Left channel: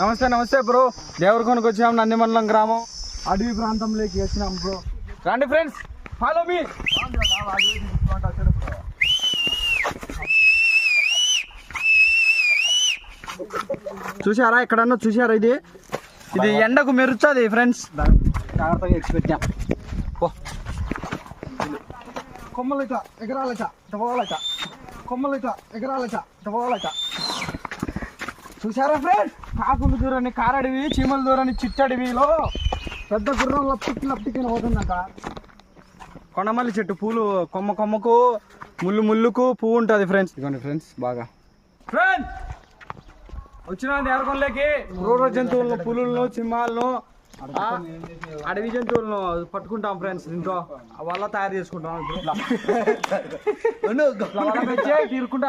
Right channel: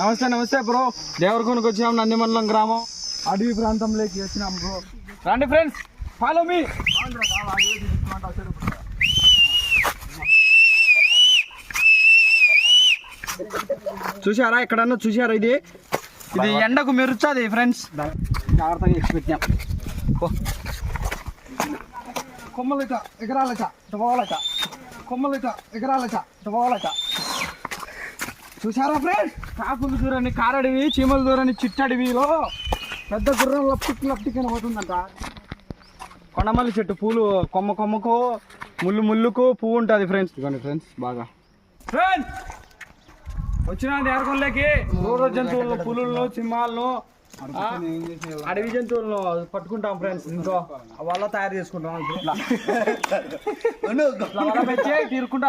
నమస్తే నమస్తే బ్రో. దేవరకొండకు వచ్చినాం, నందిమండలం గ్రామం, అడవి ప్రాంతంలోకి వచ్చినాం బ్రో. రండి ఫ్రెండ్స్, ఫాలో మీ. చూసారా, ఎక్కడన్నా చూసారా? ఇది ఎండకు మెరుస్తుంది ఫ్రెండ్స్. జాగ్రత్తగా ఎక్కిపెట్టాం. కొమ్మలట ఎగరాలట పోవాలట, కొమ్మలట ఎగరాలట పోవాలట. చూసారా ఫ్రెండ్స్, కాకులు దూరని కారడివి, చీమల దూరని చిట్టడివిలో పెద్ద గుర్రం లప్టికి లప్టికని పోతుందంట. కొండమల్లి చెట్టు పూలు కొమ్మ కొమ్మకు ముళ్ళు ముళ్ళుకు పువ్వు ఉంటుంది ఫ్రెండ్స్. ఇదిగోండి ఫ్రెండ్స్, బాగా ఫ్రెండ్స్ వచ్చిన దేవరకొండలోకి క్రూర జంతువులను, పులులను, సింహాలను, అడవి జంతువులను పట్టుకుంటాం ఫ్రెండ్స్. దీంతో వల్ల తయారు చేసుకుంటాం. ఇట్లా తీరుకుంటాం.